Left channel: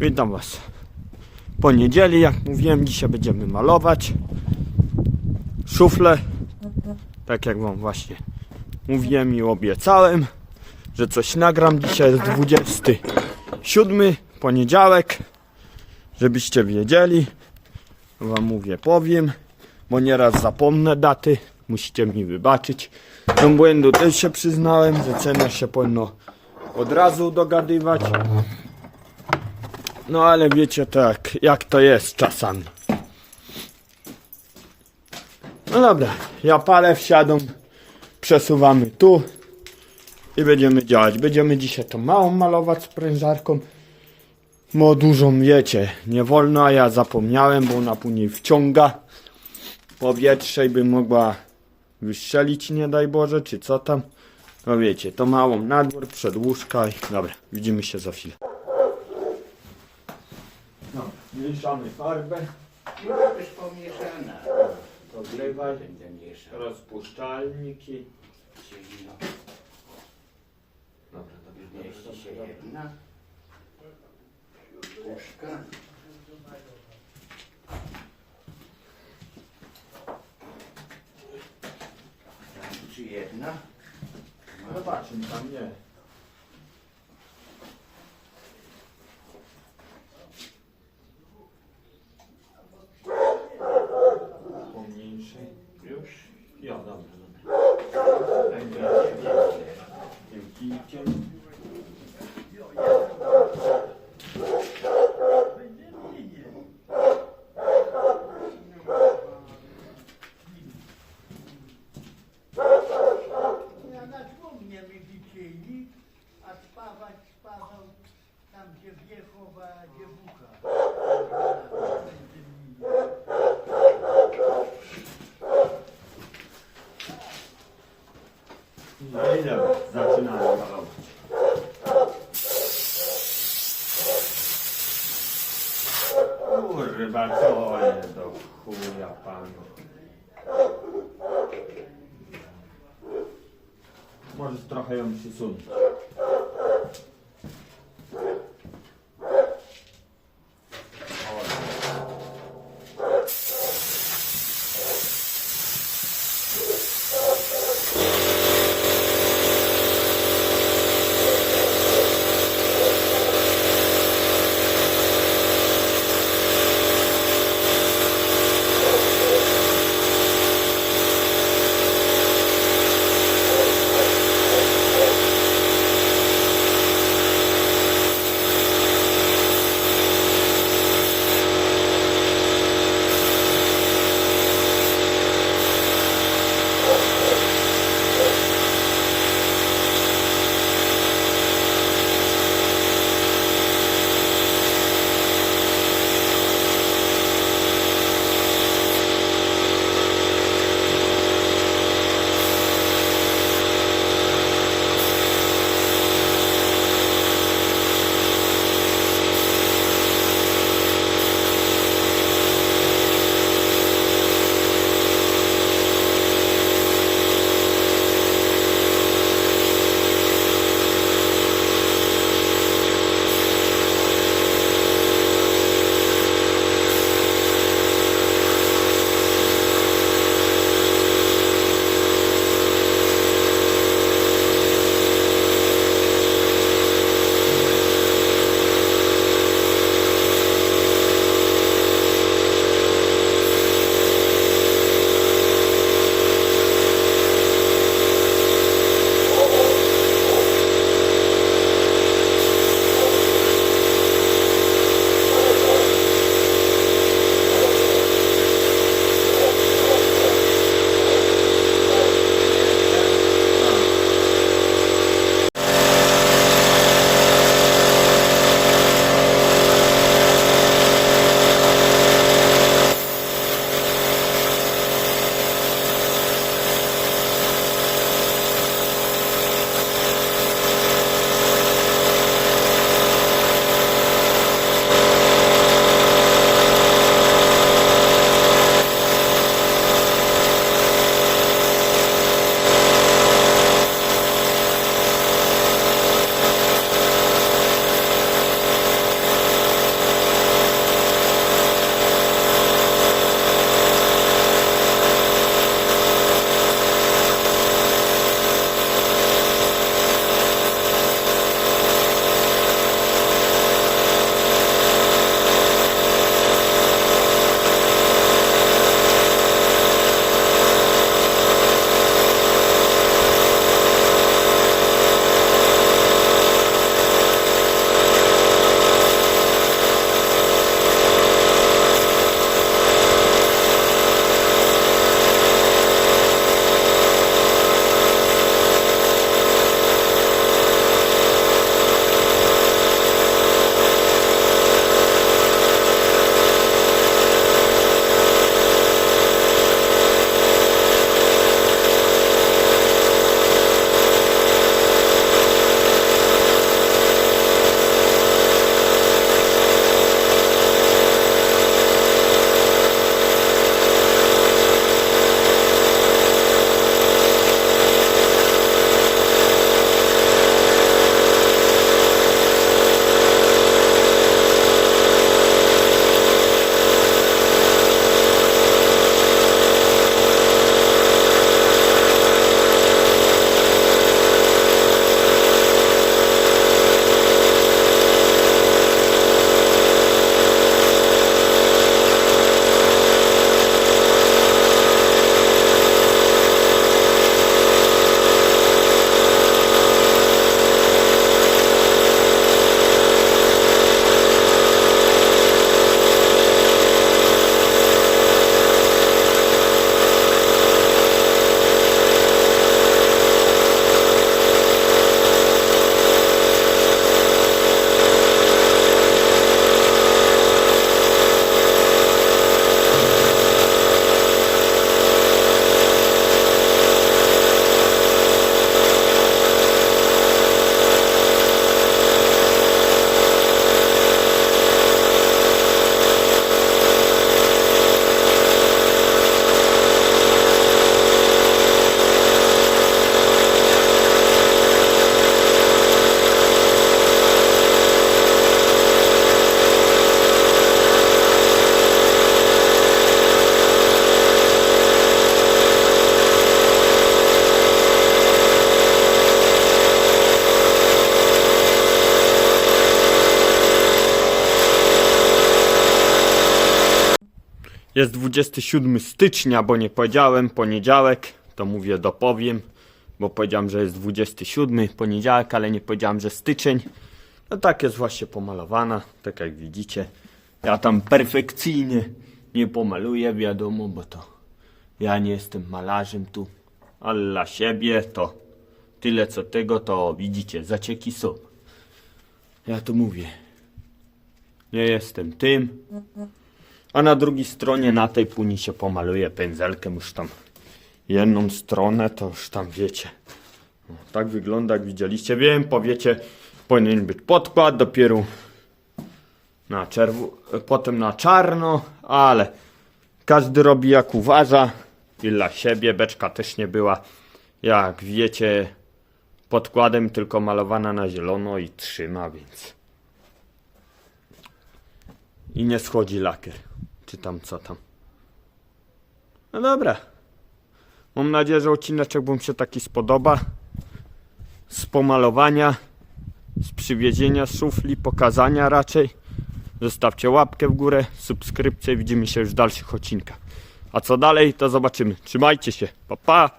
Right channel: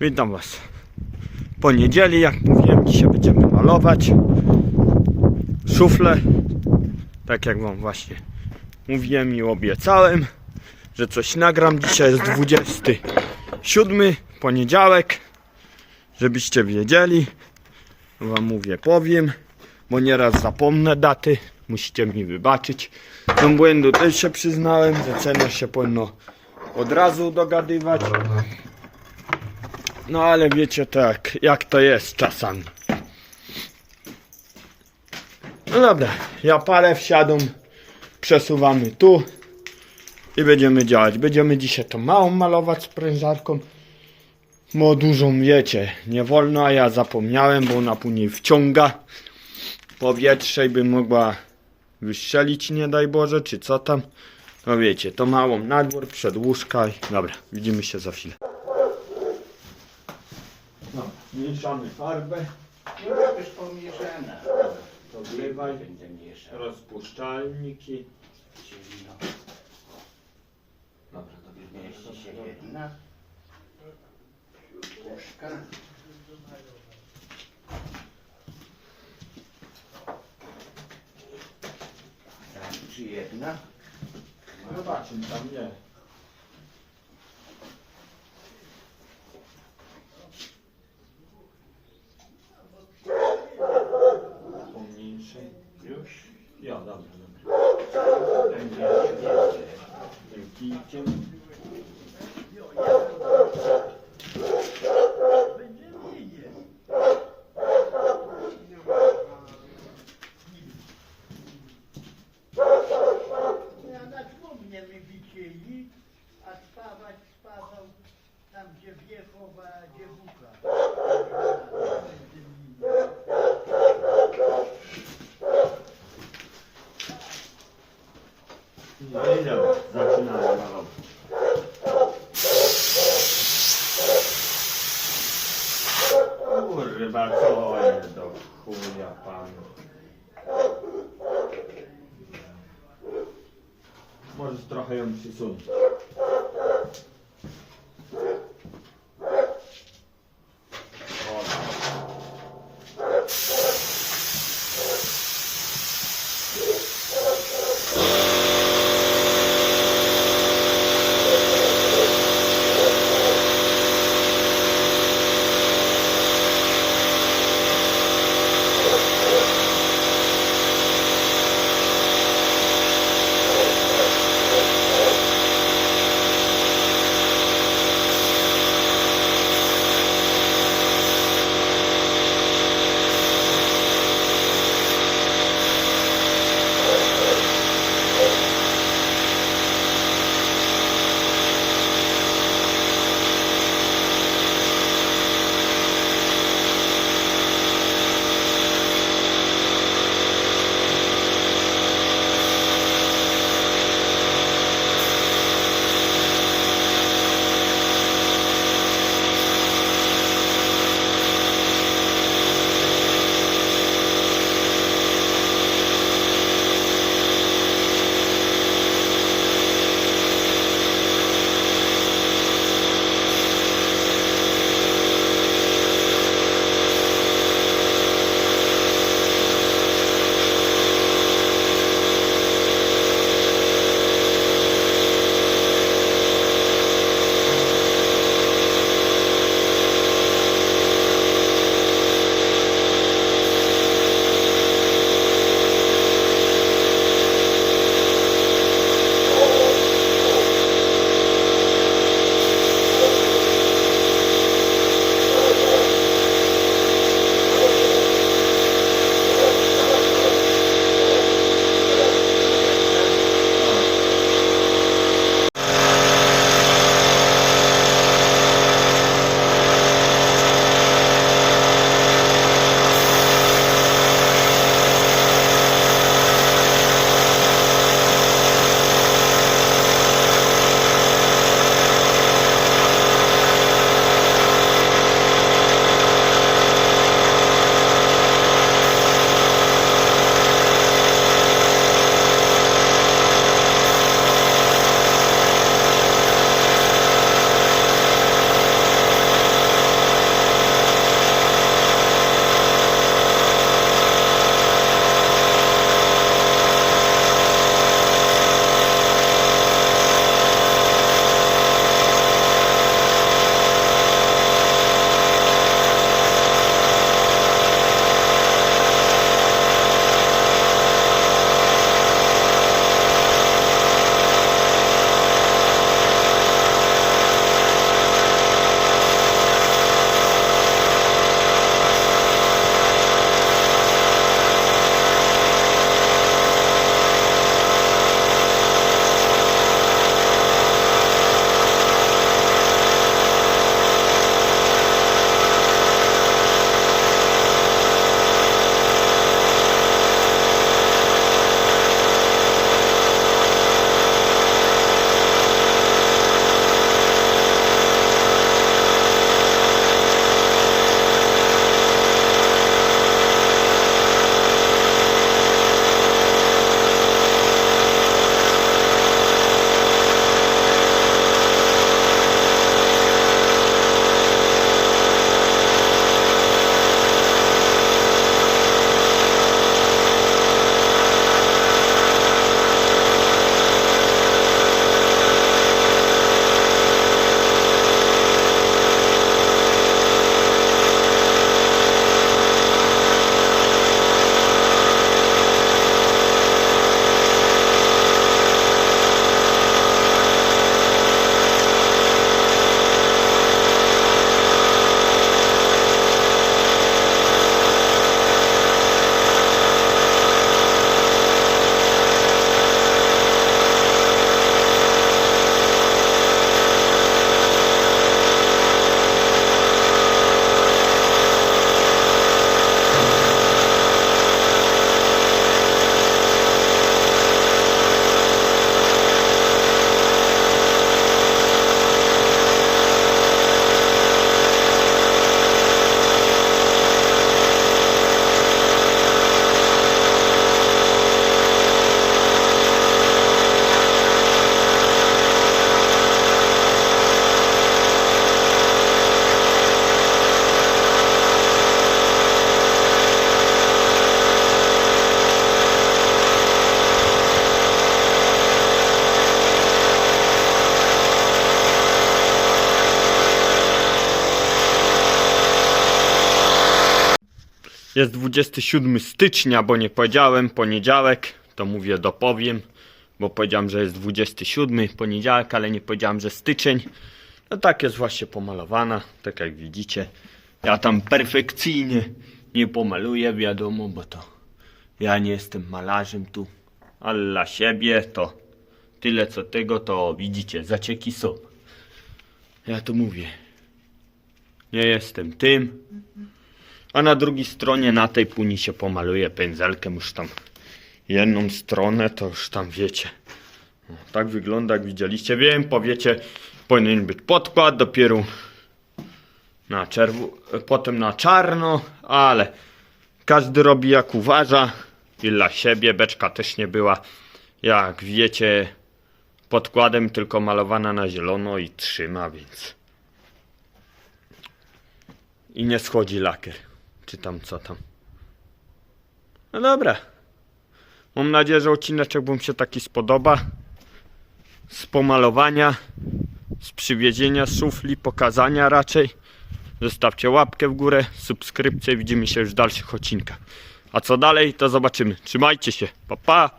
Witam Was. Po niedzieli, jak mówiłem, dzisiaj będziemy malować szuflę. Tak jak Wam właśnie mówiłem i obiecałem, że coś nagram. Dzisiaj jest 27 poniedziałek, żebyście wiedzieli. Wam mówię, powiem, bo nieraz zapomnę daty. Musicie mi wybaczyć. Do błędu też się przyznałem, że cenę się powinno od razu dogadywać. No ale wiecie tak, jak to jest czasami. No dobra, ja palę wsiadą, przesuwamy tu i będziemy działać. Będziemy dzisiaj to małą malować z prędzarką, bo dużą wiecie, nie wolno, a ja zapomniałem, bo ona później wciąga powietrze i by mogła wystrzelić, nie daj Boże, czy co tam. No wiecie, to małą na dwór, przed i dobra, widzimy się za chwilę. Mieszamy farbę, Już jest pomieszana. to wlewaj, Będę mieszał. rozpuszczalniki. Czyli no, Dobra, dobra, mieści się jedna. Puszka. Czy jedna? Zobaczymy, tam nie. Już? Ja, dobra, dobra. Będzie więcej. Tym kijkiem. Ja na trumnie mi wisieli, a spawać spawał tam, gdzie wiechowa dziewucha. Dobra, zaczynamy malować. Kurwa, co jest do chuja panu. Możesz trochę ją przysunąć. Jest 27 stycznia, bo nie powiedziałem, poniedziałek, to mówię dopowiem, bo powiedziałem, że jest 27 poniedziałek, ale nie powiedziałem, że styczeń. No tak jest właśnie pomalowana, tak jak widzicie. Ja tam perfekcyjnie nie pomaluję, wiadomo, bo to ja nie jestem malarzem tu, ale dla siebie to tyle co tego, to widzicie, zacieki są. Ja to mówię. Nie jestem tym. A na drugiej stronie, na tej puni się pomaluje pędzelkiem już tam jedną stronę, to już tam wiecie. No, tak wygląda, jak widzieliście. Wiem, powiecie, powinien być podkład, dopiero na czerwo, potem na czarno, ale każdy robi jak uważa i dla siebie. Beczka też nie była, jak wiecie, podkładem, tylko malowana na zielono i trzyma, więc i nie schodzi lakier. Czy tam co tam. No dobra. Mam nadzieję, że odcineczek wam się taki spodoba. Z pomalowania, z przywiezienia szufli, pokazania raczej. Zostawcie łapkę w górę, subskrypcję. Widzimy się już w dalszych odcinkach. A co dalej, to zobaczymy. Trzymajcie się. Pa, pa!